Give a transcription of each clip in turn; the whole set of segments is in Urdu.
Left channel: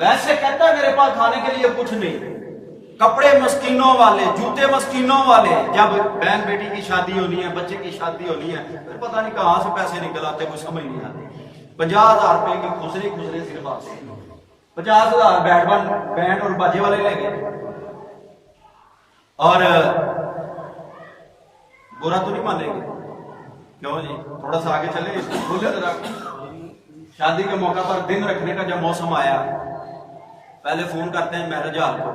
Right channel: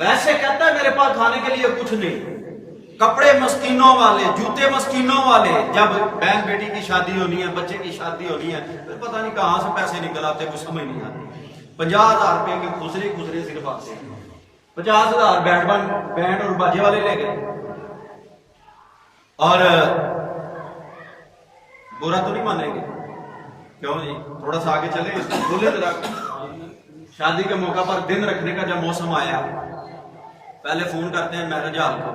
ویسے کہتا ہے میرے پاس کھانے کے لیے کچھ نہیں، کپڑے مسکینوں والے، جوتے مسکینوں والے. جب بہن بیٹی کی شادی ہونی ہے، بچے کی شادی ہونی ہے، پھر پتہ نہیں کہاں سے پیسے نکل آتے، کچھ سمجھ نہیں آتی. 50,000 روپے کے خسرے صرف آتے ہیں. 50,000 بینڈ اور باجے والے لے گئے. اور برا تو نہیں مانیں گے؟ کیوں جی؟ تھوڑا سا آگے چلے، اس کو کھولے ذرا. شادی کے موقع پر دن رکھنے کا جب موسم آیا، پہلے فون کرتے ہیں مہرج حال کو،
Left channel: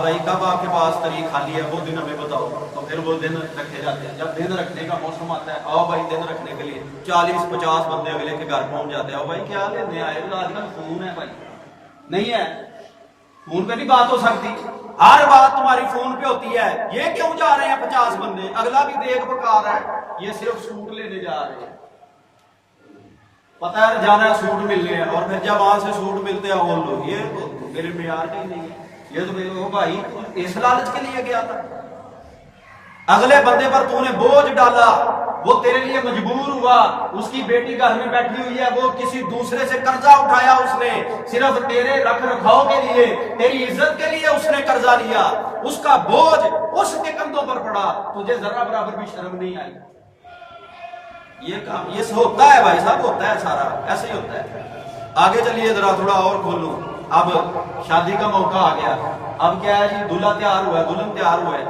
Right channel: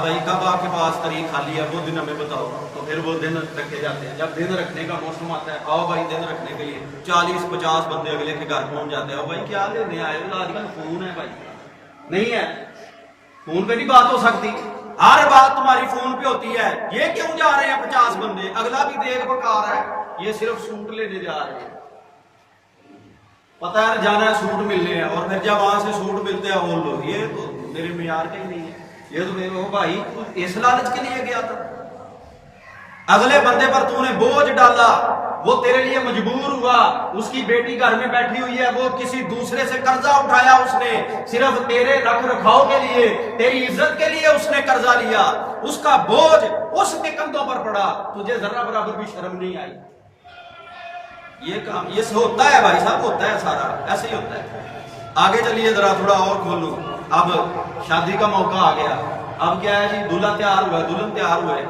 بھائی کب آپ کے پاس تاریخ خالی ہے، وہ دن ہمیں بتاؤ. تو پھر وہ دن رکھے جاتے ہیں. جب دن رکھنے کا موسم آتا ہے، آؤ بھائی دن رکھنے کے لیے 40-50 بندے اگلے کے گھر پہنچ جاتے ہیں. آؤ بھائی کیا لینے آئے؟ آج کل فون ہے بھائی، نہیں ہے فون پہ نہیں بات ہو سکتی، ہر بات تمہاری فون پہ ہوتی ہے. یہ کیوں جا رہے ہیں 50 بندے؟ اگلا بھی دیکھ پکا رہا ہے، یہ صرف سوٹ لینے جا رہے ہیں. پتہ ہے جانا ہے سوٹ ملنے ہیں، اور پھر جب وہاں سے سوٹ ملتے ہیں وہ لوگ یہ تو میرے معیار کا ہی نہیں ہے، یہ تو میرے بھائی اس لالچ کے لیے گیا تھا. اگلے بندے پر تو نے بوجھ ڈالا، وہ تیرے لیے مجبور ہوا. اس کی بیٹی گھر میں بیٹھی ہوئی ہے، وہ کسی دوسرے سے قرضہ اٹھایا، اس نے صرف تیرے رکھ رکھاؤ کے لیے، تیری عزت کے لیے اس نے قرضہ لیا. اس کا بوجھ اس کے کندھوں پر پڑا، تجھے ذرہ برابر بھی شرم نہیں آئی. یہ کام یہ ہوتا ہے بھائی صاحب، ہوتا ہے سارا ایسے ہی ہوتا ہے. آگے چلیے ذرا تھوڑا اور کھولوں. اب شادی کا موقع آ گیا. اب کیا ہے جی؟ دولہا تیار ہوا ہے، دلہن تیار ہوا ہے،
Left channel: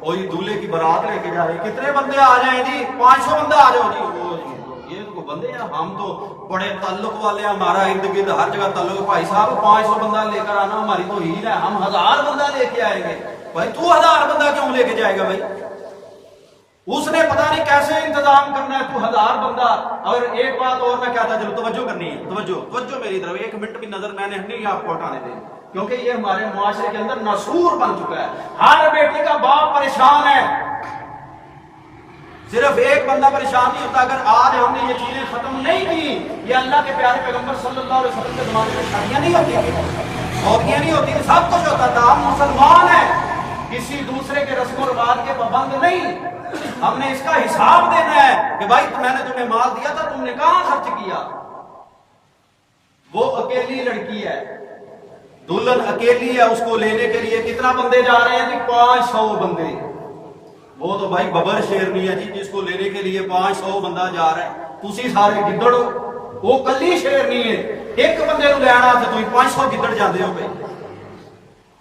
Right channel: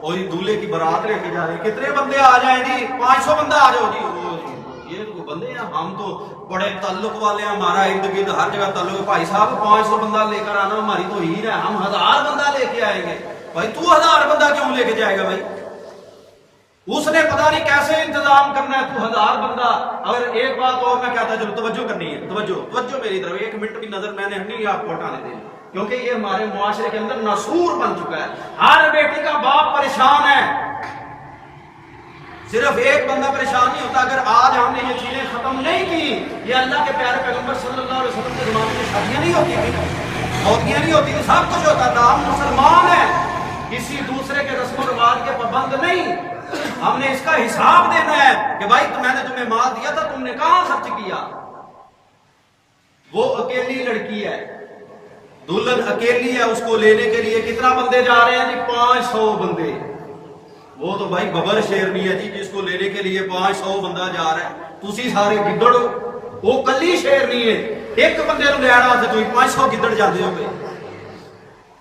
اور یہ دولہے کی بارات لے کے جا رہے. کتنے بندے آ جائیں جی؟ 500 بندہ آ جاؤ جی. وہ جی یہ تو بندے ہیں، ہم تو بڑے تعلق والے ہیں، ہمارا ارد گرد ہر جگہ تعلق. بھائی صاحب 500 بندہ لے کر آنا ہماری تو ہی ہے، ہم 1000 بندہ لے کے آئیں گے. بھائی تو 1000 بندہ کیوں لے کے جائے گا بھائی؟ اس نے پتہ نہیں کیسے انتظام کرنا ہے، تو 1000 بندہ. اور ایک بات اور میں کہتا چلو، توجہ کرنی ہے، توجہ میری طرف. 1 منٹ بھی نظر میں نے نہیں آپ کو ہٹانے دینی، کیونکہ یہ ہمارے معاشرے کے اندر ناسور بن چکا ہے. ہر بیٹی کا باپ پریشان ہے، صرف ایک بندہ پریشان نہیں ہوتا. اگر آج ہم نے یہ چیزیں ختم نہیں کی، یہ اللہ کے پیارے پیغمبر صلی اللہ علیہ وسلم کے زمانے میں شادیاں نہیں ہوتی تھی، موتیاں نہیں ہوتی تھی، سب کچھ ہوتا تھا. ہم مسلمان ہیں، کسی دوسرے کے رسم و رواج کے پابند نہیں. ہم نے اس کا حساب دینا ہے کہ بھائی میں نے تمہیں مال دیا تھا، تم نے کہاں خرچ کیا. وہ اکیلی لڑکی ہے، دلہن اکیلی ہے، اس کو لینے کے لیے کتنا بندے جا رہے ہیں جی؟ 500 بندے. وہ تو بھائی ببر شیرنی ہے جی، جس کو لینے کے لیے 500 بندہ جا رہا ہے. تسی سارے گدڑ ہو، وہ کلی شیرنی ہے. ایک بندے نو لینا تو 500 گدڑ جاندے ہو گئے.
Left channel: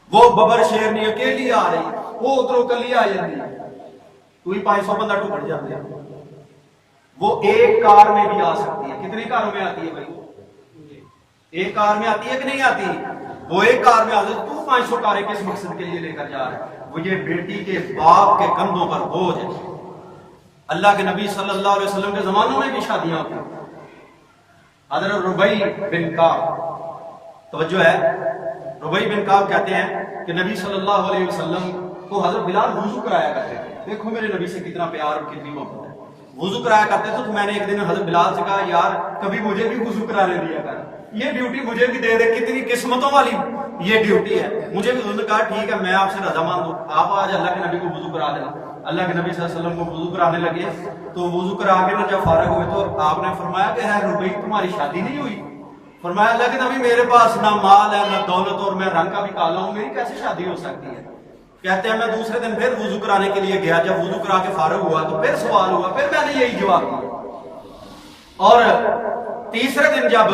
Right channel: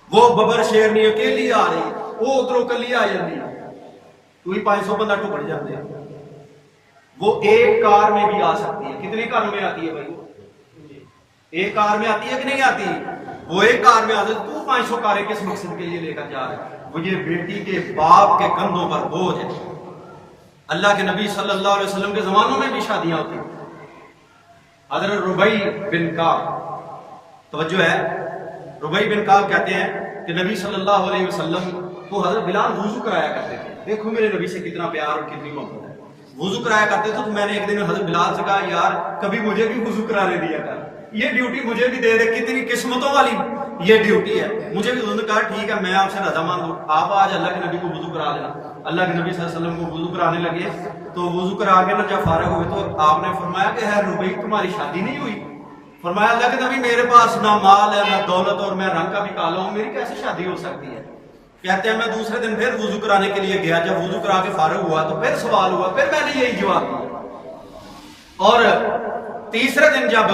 وہ ببر شیرنی اکیلی آ رہی، وہ ادھروں کلی آ جاتی، تو 500 بندہ ٹکڑ جاتے ہیں. وہ ایک کار میں بھی آ سکتی ہے. کتنی کاروں میں آتی ہے بھائی؟ وہ ایک کار میں آتی ہے کہ نہیں آتی؟ وہ ایک کار میں آتی ہے. تو 500 کاریں کس مقصد کے لیے لے کر جا رہے ہیں؟ وہ یہ بیٹی کے باپ کے کندھوں پر بوجھ ہے. اللہ کے نبی صلی اللہ علیہ وسلم کے زمانوں میں بھی شادیاں ہوتی ہیں. حضرت ربیع بن کعب، توجہ ہے، ربیع بن کعب کہتے ہیں کہ نبی صلی اللہ علیہ وسلم کو حضرت بلال وضو کرایا کرتے تھے. دیکھو میرے نبی سے کتنا پیار اور کتنی محبت ہے. وضو کرایا کرتے تھے. تو میں نے ایک دن حضرت بلال سے کہا یار کبھی مجھے بھی وضو کرانے دیا کر، یہ ڈیوٹی مجھے بھی دے دے. کتنی قسمتوں والی یہ ڈیوٹی ہے، مجھے بھی. انہوں نے کہا ٹھیک ہے میں آپ سے رضامند ہوں، آپ آج اللہ کے نبی کو وضو کرا دینا. اللہ کے نبی صلی اللہ علیہ وسلم کو وضو کرانے لگے. تو وضو کرا کے نہ جب فارغ ہوئے تو آپ نے فرمایا کہ ہے ربیع تمہاری شادی نہیں ہوئی؟ فرمایا اللہ کے نبی میرے پاس نہ مال ہے نہ دولت، اور میں رنگ کا بھی کالا ہوں، میری کیسے شادی ہو سکتی ہے؟ کہتے ہیں میں دوسرے دن پھر وضو کرانے کے لیے گیا. جب وضو کرا کے فارغ ہوا تو پھر سوال ہوا، پھر میں نے یہی جواب دیا. اور تیسرے دن جب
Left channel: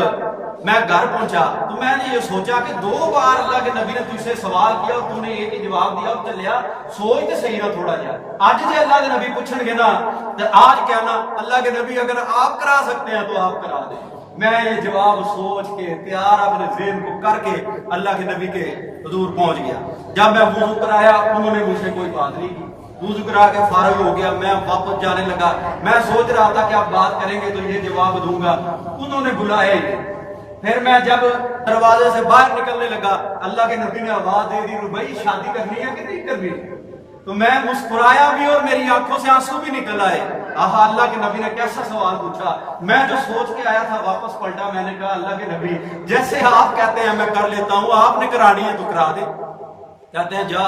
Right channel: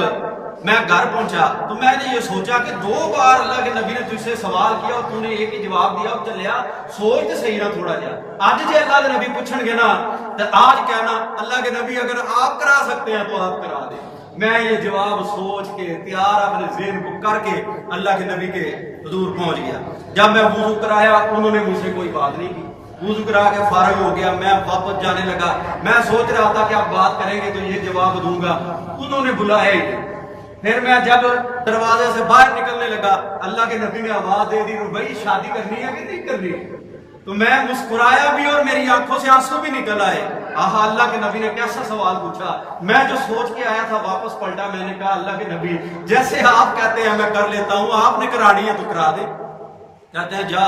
میں گھر پہنچا تو میں نے یہ سوچا کہ 2 بار اللہ کے نبی نے تجھ سے سوال کیا اور تو نے ایک ہی جواب دیا، اور چلیا سوچ تے صحیح نہ تھوڑا جا. آج جی اللہ کے نبی پوچھن گے نا تو آج کہنا اللہ کے نبی اگر آپ کرا سکتے ہیں تو آپ کرا دیں. میں یہ جواب سوچ کے تیار اپنے ذہن کو کر کے اللہ کے نبی کے حضور پہنچ گیا. جب میں وضو کرایا انہوں نے مجھ سے کوئی بات نہیں کی. وضو کرا کے فارغ ہو گیا، میں واپس جانے لگا. میں سوچ رہا تھا کہ آپ بات کریں گے تو یہ جواب دوں گا، انہوں نے بلایا ہی نہیں. پھر میں جب دروازے سے باہر نکلنے لگا اللہ کے نبی نے آواز دے دی ربیع شادی کرنی ہے کہ نہیں کرنی؟ تو میں مسکرایا بھی اور میری آنکھوں سے آنسو بھی نکل آئے. آہا اللہ کے نبی نے کیسا سوال پوچھا. میں جو سوچ کے آیا تھا واپس پلٹا. میں نے کہا اللہ کے نبی جیسے آپ کہتے ہیں میں کر لیتا ہوں، آپ نے کرانی ہے تو کرا دے. کہتے ہیں جا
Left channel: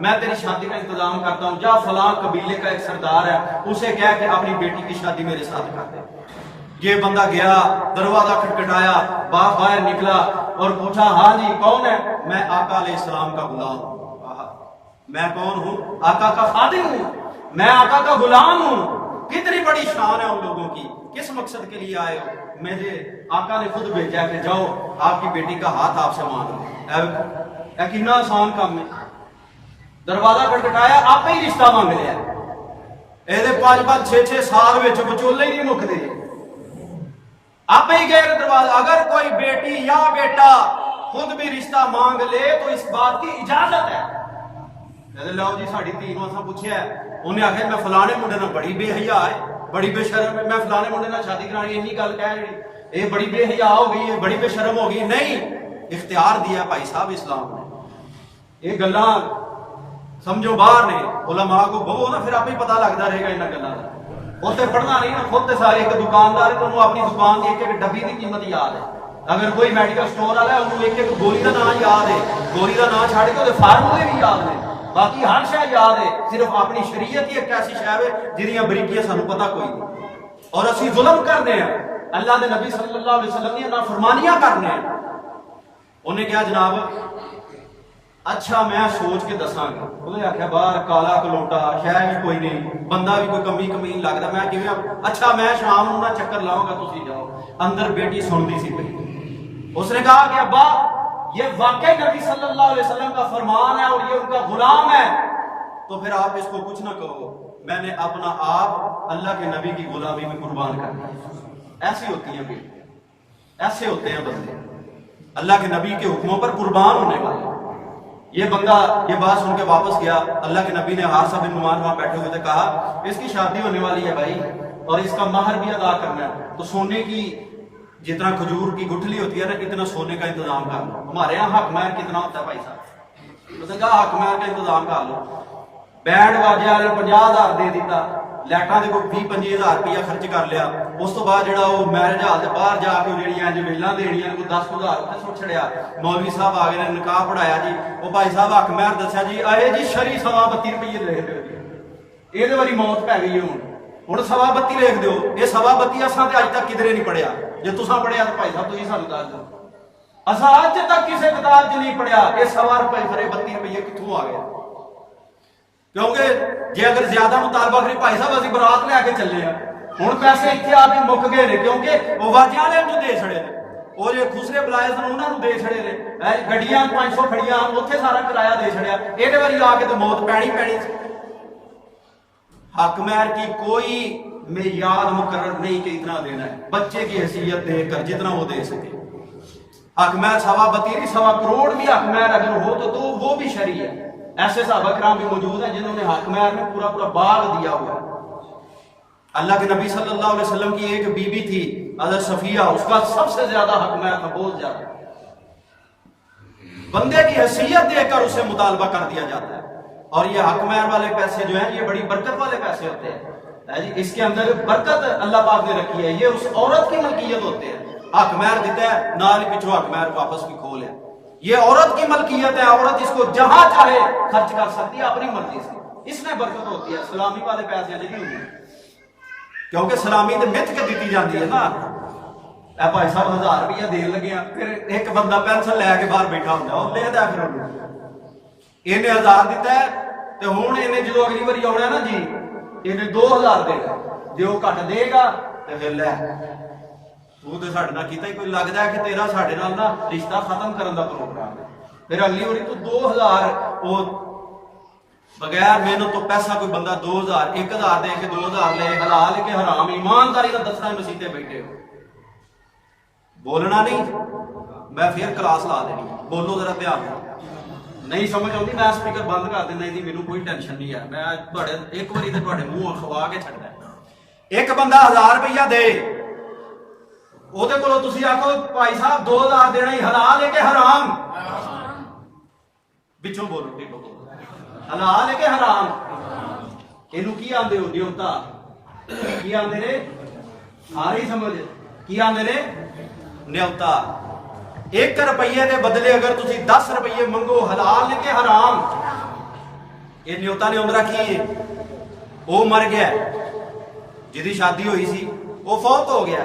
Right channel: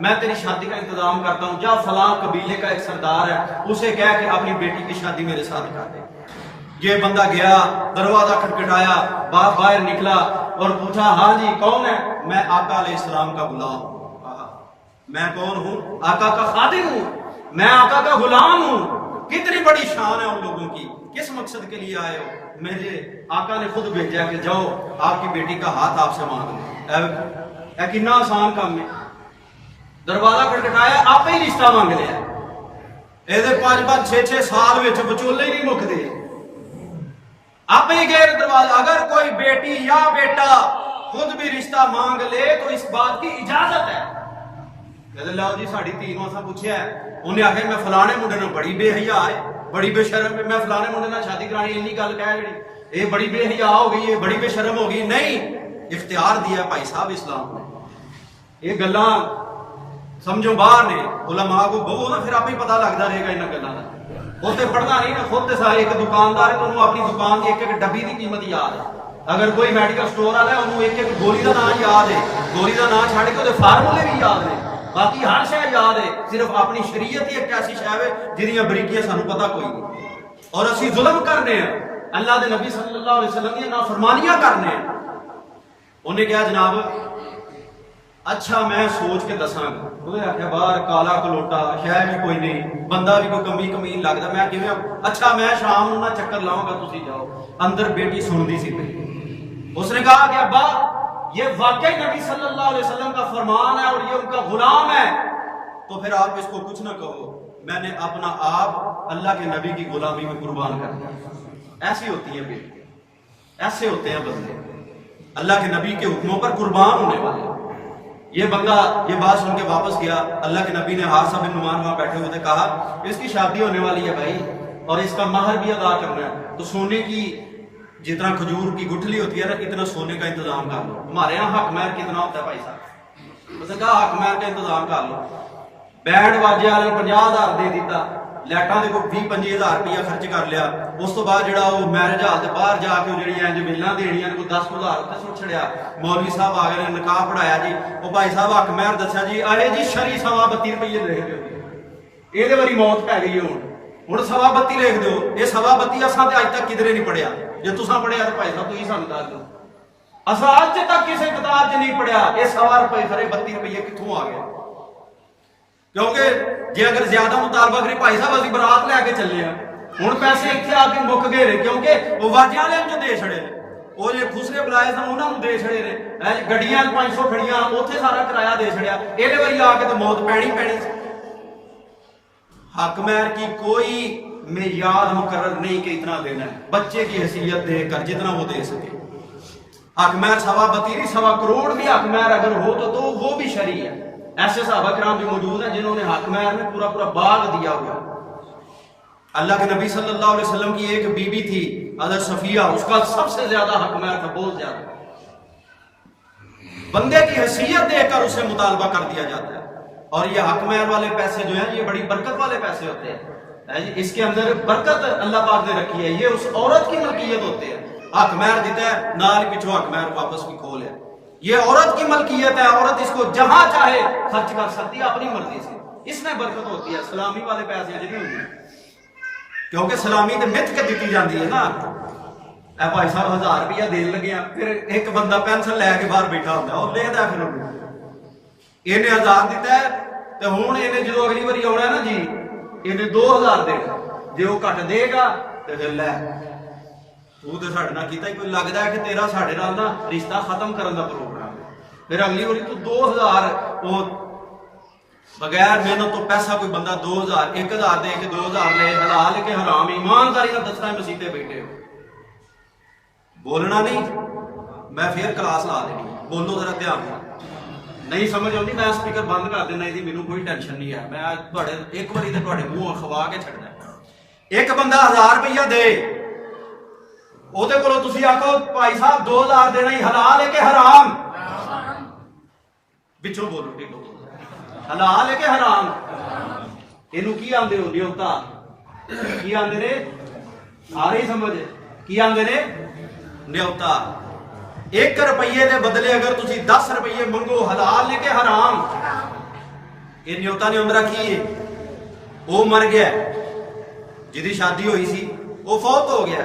میں تیری شادی کا انتظام کرتا ہوں، جا فلاں قبیلے کا ایک سردار ہے اسے کہہ کہ اپنی بیٹی کی شادی میرے ساتھ کر دے. یہ بندہ گیا، دروازہ کھٹکھٹایا، باپ باہر نکلا. اور پوچھا ہاں جی کون ہے؟ میں آقا علیہ السلام کا غلام ہوں۔ میں کون ہوں؟ آقا کا خادم ہوں، میں آقا کا غلام ہوں۔ کتنی بڑی شان ہے ان لوگوں کی۔ کس مقصد کے لیے آئے ہو؟ میرے آقا نے خود بھیجا کہ جاؤ آپ کی بیٹی کا ہاتھ آپ سے مانگ لو۔ کتنا آسان کام ہے، دروازہ کھٹکھٹایا آپ ہی رشتہ مانگ لیا۔ یہ 5-5 6-6 سال بچولے ہی نہیں مکتے، آپ ہی گئے دروازہ۔ اگر کوئی بیٹی یا بیٹا خود بھی رشتہ مانگ لے تو اس بات کی اجازت ہے۔ کہتے لو جی ساڑی تھی نو اساں پوچھیا ہے، انہیں آخیا میں فلانے منڈے نے بڑی بے حیا ہے، بڑی بے شرم ہے، میں فلانے منڈے نے شادی کرانی، انی گل کہہ جڑی یہ بڑی بے حیا ہو گئی ہے، بڑی بے شرم ہو گئی۔ نہیں، اختیار دیا بھائی صاحب اسلام نے۔ یہ گلاں سمجھو باہر نے، علماء کو بہو نا پھر آپ ہی پتہ لگتا رہے گا انہاں گلاں دا۔ اتنے پڑھنا نہیں نا، خود تے سارے ایک دکاندار ہے تو انہوں اپنی دکان کی ایک ڈبی کی قیمت یاد ہے۔ اگر کوئی میڈیکل سٹور والا ہے انہوں ایک گولی کا نام یاد ہے، گولی کا نام چھڑ کے وہ فارمولے بھی یاد نے، باقی ہر شے یاد ہے، صرف اپنی شریعت ہی ایک ایسی شے ہے جہاں بریکیاں سانو پتہ کوئی نہیں۔ اور اسی ظلم کرنے ہیں، اللہ دے نبی صلی اللہ علیہ وسلم کی نافرمانیاں کرنے ہیں۔ انہیں کہا جناب اچھا میں سوچ کے دساں گا۔ انہیں آخیا باہر کالا کلوٹا شہ بھی کوئی نہیں، بندہ بھی کوئی کمی کمین لگتا، میں کہ اچھا میں شام نو نہ چکر لاؤں گا، تسی جاؤ۔ اندر بیٹی سنتی سی پئی، اس نے کہا کہ ابا یہ واقعی نبی صلی اللہ علیہ وسلم کا فرمان ہے اور یہ ان کا غلام ہے، تو پھر آپ اس کو کچھ نہ کہو، میں نے اپنا آپ اللہ کے نبی کی غلامی میں قربان کر دیا۔ ایسی ہوتی ہیں بیٹی، ایسے ہوتے ہیں بندے اللہ کے نبی کے حکموں پر قربان ہونے والے۔ یہ بندہ یہ بات سن کے واپس گیا، اللہ کے نبی نے حارثہ بن نعمان وہاں بیٹھے ہوئے تھے، کہا اس کی شادی ہونے والی ہے بھائی اور اس کا مہر بھی ادا کرنا ہے، تو سونے کی جتنا کھجور کی گٹھلی ہوتی ہے نا اتنا سونے کا انتظام کر لو۔ ہمارے یہاں حق مہر کتنا ہوتا ہے بھائی صاحب؟ اس نے کہا حق مہر کا انتظام کر لو۔ بینڈ واجے والے 50,000 دے دیتا، لائٹاں دے کوئی 20-25,000 روپیہ خرچ کر لیا۔ اس تو بعد جڑا وہ میرج ہال دے باہر جا کے جڑیاں جمیلاں دینیاں کوئی 10,000 اتنے سٹ چھڑیا۔ مولوی صاحب آ گئے نے نکاح پڑھایا جی، وہ بھائی صاحب حق مہر دسیا جی، اے جی شری 32 روپیے لکھ دیو جی، یہ واری موت پی گئی ہوں 32 لکھ دیو۔ یہ 32 اساں تے اج تک کدھرے نہیں پڑھیا، جے تساں پڑھیا تو بھائی صاحب تسی سانوں دس دو، اساں اج تک کسی کتاب 'چ نہیں پڑھیا۔ یہ 1.25 روپے خرے 32 روپیے کتھوں آ گئے؟ کیونکہ جی اگر زیادہ مطالبہ کرے بھائی صاحب اسی برات لے کے چلے ہیں، ہوں پیسے اتنے آ کے مک گئے نے، کیونکہ وہ واجیاں والے جو دے چھڑے نے، وہ جو خسرے بلائے سن انہوں نے دے چھڑے نے، گڈیاں 500 کھڑیاں اتنے سارا کرایہ دے چھڑیا، یہ واری آ کے تو موت پینی پینی۔ حق مہر کی کوئی معیار مقرر نہیں کہ اتنا دینا ہے، بچے کی حیثیت دے کر جتنا وہ دے سکے۔ حق مہر 32 1.25 کروڑ بھی حق مہر اگر ہو تو وہ بھی شرعی ہے۔ ایسے صحابہ کرام بھی موجود ہیں جنہوں نے حق مہر میں پورا پورا باغ دیا ہوا ہے۔ اللہ کے نبی صلی اللہ علیہ وسلم کی ایک بی بی تھی حضرت صفیہ، اس کا سب سے زیادہ حق مہر تھا، بہت زیادہ۔ بندے کی حیثیت دیکھ کر اسے مطالبہ کر دیا جاتا ہے۔ اور یہ حق مہر والے پیسے جو ہیں یہ بڑی برکت والے پیسے ہوتے ہیں، اس کے اندر برکت اللہ پاک نے رکھی ہے، یہ اس عورت کی ملکیت ہوتے ہیں۔ حق مہر دیتا ہے نال پیچھو حق مہر واپس بھی کھول ہے، یہ عورت کی ملکیت ہے، عورت اس کو جہاں چاہے خرچ کر سکتی ہے اپنی مرضی سے، اس میں برکت ہوتی ہے۔ سلامی والے پیسے نہیں ہوتے، کیونکہ سلامی تو مت کے دیتی جاتی ہے نا، اے بھائی صاحب 1000 روپیہ دین لگے ہیں، پھر ایک بندہ پینسل لے کے باہر بیٹھا ہوتا ہے اور لکھتا ہے، پھر انہیں 1000 دیتا ہے تو ہوں انہیں جدو اگلی باری آنا نا جی انہیں 2000 دینا، جی وہ گھٹ دے گا تو پھر لے تو ساڈے نال کیتا ہی کوئی، لگتا ہے کہ تیرا ساڈے نال نا رشتہ ختم کرن دا پروگرام ہے، پھر اگلی باری تو 2000 وہ بغیر محنت تو پیسہ کوئی بندہ 2000 1000 دے کے 2000 لے، حلال کے حرام ایمانداری نال دسنا مسیتے بیٹھے ہو، بولنا نہیں، میں پھر کلاس لا دینی، بولو ذرا دھیان سے، نہیں سمجھ آتی میں سپیکر بند کر دینا، یہ مینوں کوئی ٹینشن نہیں ہے، میں ایک باری تو تھوڑے منہ کھوا کے چھڈ دینا۔ ایک بندہ 1000 روپیہ دے، وہ تسی آخو بھائی صاحب 2000 دینا ہی حلال ہے کہ حرام؟ پچھوں بولو ٹھیکو بولو، حلال ہے کہ حرام؟ یہ کی آدھے ہو نیوتا، کی آدھے نے آ نہیں سمجھ، کی آدھے نے نیوتا۔ 1 روپیے دے بدلے اگر تسی 10 روپیے منگو، حلال ہے کہ حرام؟ یہ نیوتا نے عمرہ کی ہے، وہ مر گیا، جدی شادی ہوئی سی وہ فوت ہو گیا،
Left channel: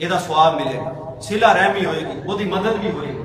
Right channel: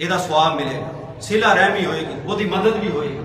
ਇਹਦਾ ਸਵਾਬ ਮਿਲੇਗਾ, ਸਿਲਾ ਰਹਿਮੀ ਹੋਏਗੀ, ਉਹਦੀ ਮਦਦ ਵੀ ਹੋਏਗੀ।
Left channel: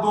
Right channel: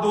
2